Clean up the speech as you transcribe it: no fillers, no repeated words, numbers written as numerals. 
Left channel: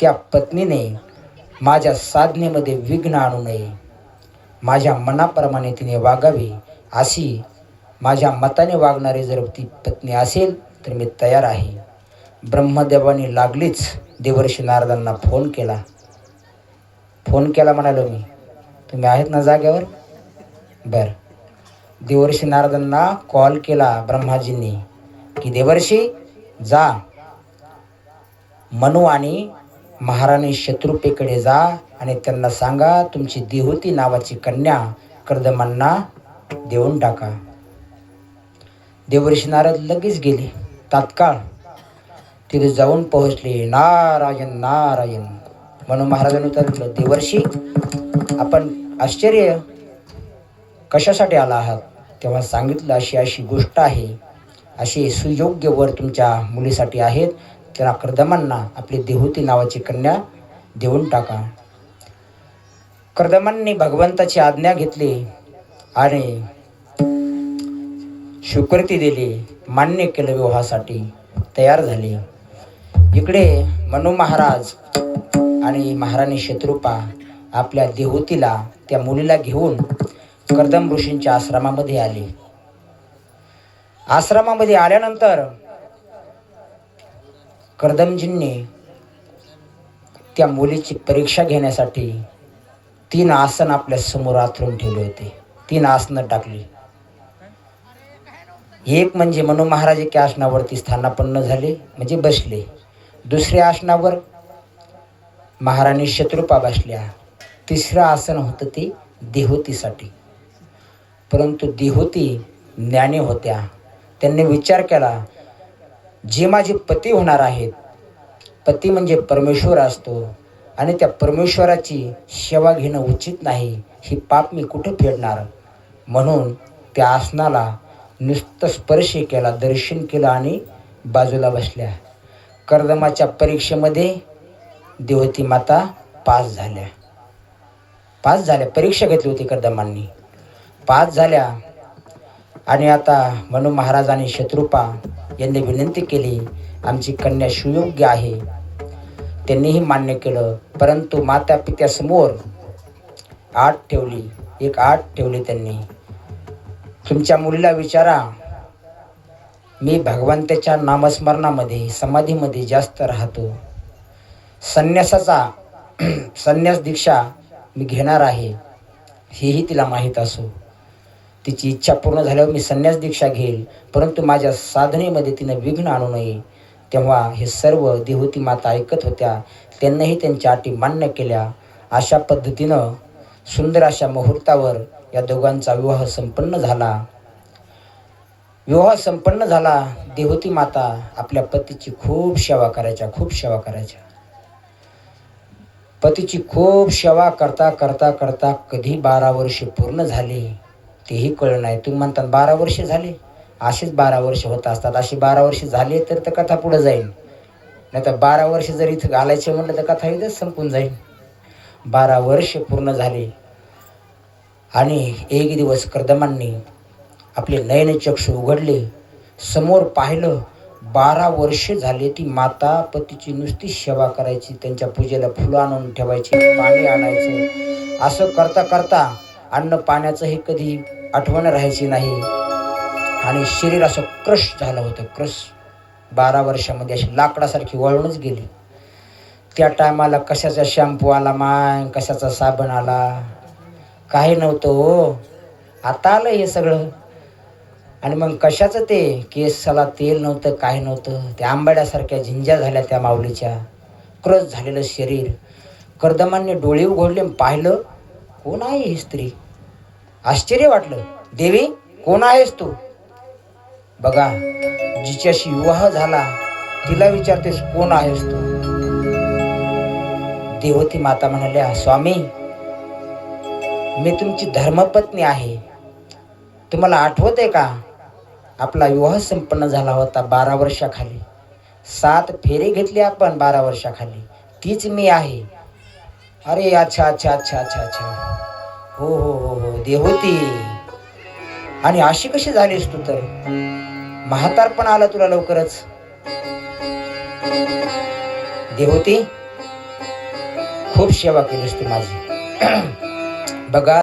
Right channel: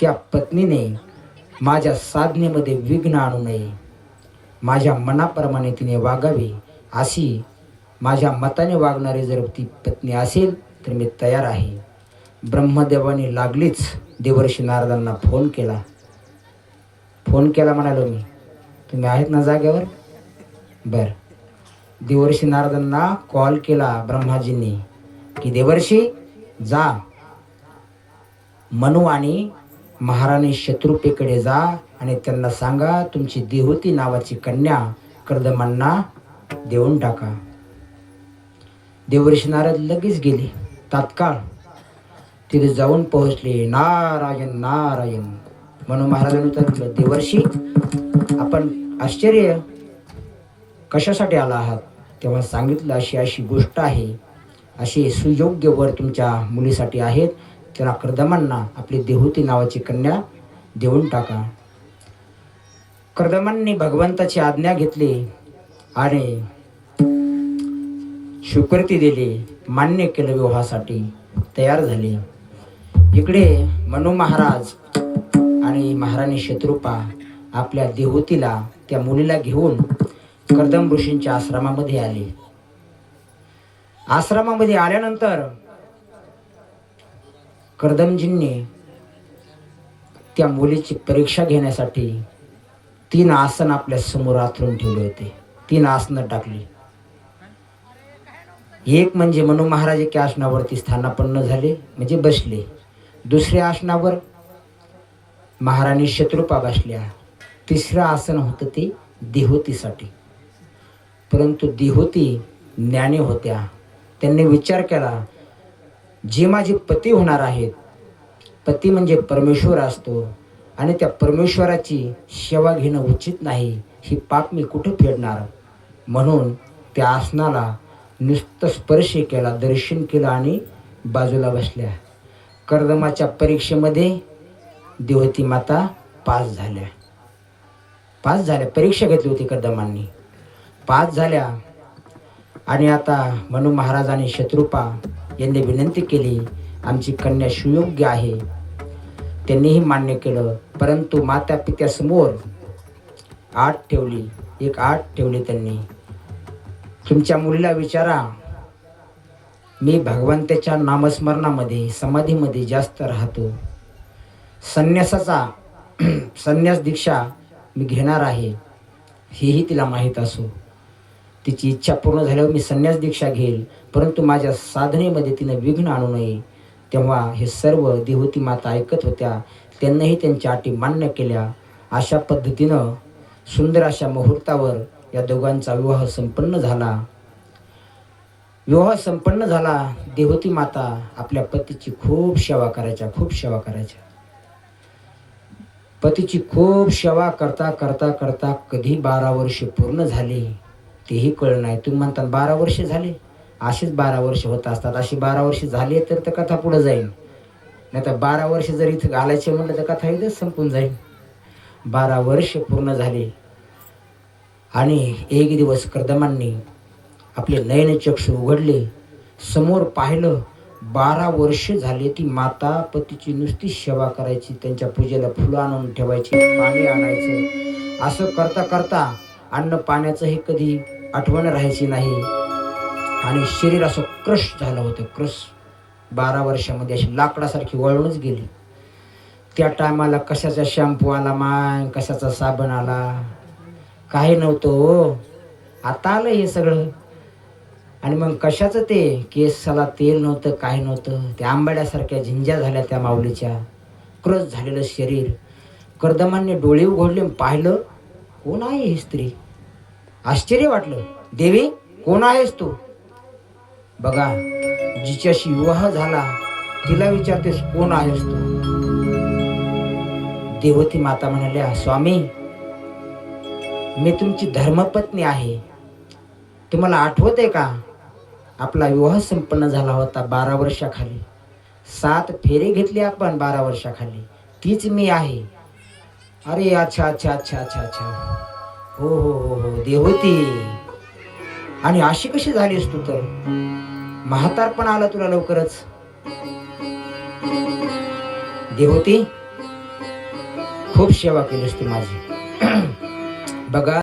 त्या पत्नीने माझ्या साधनेमध्ये विघ्न आणू नये, माझ्या मनाप्रमाणे तिने वागावे, अशी माझ्या मताने वागणारी जर ती पत्नी असेल तर मी तयार आहे. ब्रह्मदेवाने लागलीच देवर्षी नारदांना फोन केला म्हणालो मी. तुम्ही आहेत ना जाग्यावर? बरं. देवर्षी नारदांना कॉल केला ब्रह्माजींनी की देवर्षी जा, मनु आणि महाराणी शत्रुपेकडे जा आणि त्यांना सांगा तुमची देहूती नावाची कन्या कर्दमांना देऊन टाका. देवर्षी नारद लगेच गेले. तात्काळ तिथे जाऊन पोहोचले. नारायण नारायण. म्हणून महाराजांनी सांगितलं, देवर्षी आपण आश्चर्य कशासाठी आला आहात? तेव्हा सांगितलं, अशी अशी गोष्ट आहे, असे सुयोग्य वर तुमच्या मुलीसाठी आहेत, त्याला कर्दमांना आपली देहूती नावाची कन्या देऊन टाका. कर्दमांनी भगवंताची आज्ञा घेतली आणि स्वीकृती दिली, मान्य केलं, विवाहासाठी तयार झाले. इकडे मनु महाराज आणि महाराणी शत्रुपा आपल्या देहूतीला, त्या मुलीला घेऊन कर्दम ऋषींच्या आश्रमामध्ये आले. आश्रमामध्ये आल्यानंतर कर्दमजींनी त्या मुलीची परीक्षा घेण्यासाठी 3 आसन आपल्या समोर आथरून ठेवले होते. 3 आसनं टाकली. एक म्हणजे मनु महाराज एका आसनावरती स्थानापन्न झाले, म्हणजे बसले. दुसऱ्या आसनावर महाराणी शत्रुपा बसल्या. तिसरं आसन होतं ते देहूतीसाठी. परंतु देहूती ज्ञानी होत्या. त्यांनी विचार केला, जे माझे पती होणार आहेत, पती म्हणजे परमेश्वर असतो आणि त्या परमेश्वराची सेवा घेणं उचित नाही, ही पाप मी कुठं फेडणार? म्हणून त्या आसनाला नुसतं स्पर्श केला, दर्शन केलं आणि बाजूला बसल्या. कर्दमाच्या परीक्षेमध्ये देवती माता पास झाल्या. परीक्षा घेतली होती कर्दमांनी, पास झाल्या. आणि आता मनु महाराज आणि शत्रुपा यांनी विनंती केली, आमची कन्या सुयोग्य आहे. त्यांनीही मान्य केलं. परंतु माता पित्यासमोर आट ठेवली, एक आट ठेवली त्यांनी. तुमच्या मुलीला विचारा, मी भगवंताच्या नामस्मरणामध्ये, समाधीमध्ये जास्त राहतो. संन्यास दीक्षा मी घेणार आहे, हेही तिला माहीत असो. तिची इच्छा पूर्ण झाल्यावर मी संन्यास दीक्षा घेईल, परंतु माझ्या साधनेमध्ये तिनं विघ्न आणू नये. तेव्हा हे सर्व देहूती माता ऐकत होत्या. त्यांनाही त्यांच्या अटी मान्य केल्या. अशा पद्धतीनं सुंदर अशा मुहूर्तावर या दोघांचा विवाह संपन्न झाला. देहूती माता आपल्या पतीची खूप सेवा करायच्या. पतीची खूप सेवा करता कधी 12 वर्ष पूर्ण झाली तेही कळलं नाही. तुम्ही म्हणतात 12 वर्ष झाले, असेच 12 वर्ष होत असतात. अशी 12 वर्ष झाली तर कथा पुढे जाईल, नाही तर 12 वर्ष जर इथं घालायचे म्हटलं तर कथा इथंच संपून जाईल. 12 वर्ष पूर्ण झाले आणि एक दिवस कर्दमांनी आपले नयनचक्षु उघडले, समोर पाहिलं. 12 वर्ष झाले ती माता पतीची नुसती सेवा करायची, त्यांच्या पूजेला फुलं आणून ठेवायची, पाणी आणायचं. असं करता अन्न पाण्याचं हे कधी आठवण राहायची नाही. आणि शरीर असं क्रश झालं होतं. 12 वर्षामध्ये अशी लाकडासारखी वळूनच गेली. त्या टायमाला कशाचा शॅम्पू आला, कशाचा साबण आला, काही नव्हतं हो. आता आलं हे सगळं. आणि मग कशाचं ते केसाला तेल नव्हतं, काही नव्हतं. त्या आंबाड्यासारख्या झिंज्या झाल्या त्या माऊलीच्या. क्रश झालेलं शरीर. कर्दमांनी डोळे उघडले, पाहिलं, कोण आहे ही स्त्री? आश्चर्य वाटलं. देवी, कोण आहेस तू? बघा, जिच्याशी विवाह झाला तिला विचारतेस कोण आहेस तू? देवती माता म्हणाल्या, स्वामी, मी तुमची धर्मपत्नी आहे. तुम्हाला आठवत आहे का? आपला विवाह संपन्न झाला होता 12 वर्षाखाली. 7 फेरे घेतले आपण 12 वर्षाखाली. तीच मी आहे. अरे अच्छा. हो देवती. आणि अशी कशी झालीस तू? तर म्हातारपण आला तुला लवकरच. देवती, खूप सेवा केलीस तू माझी. बघा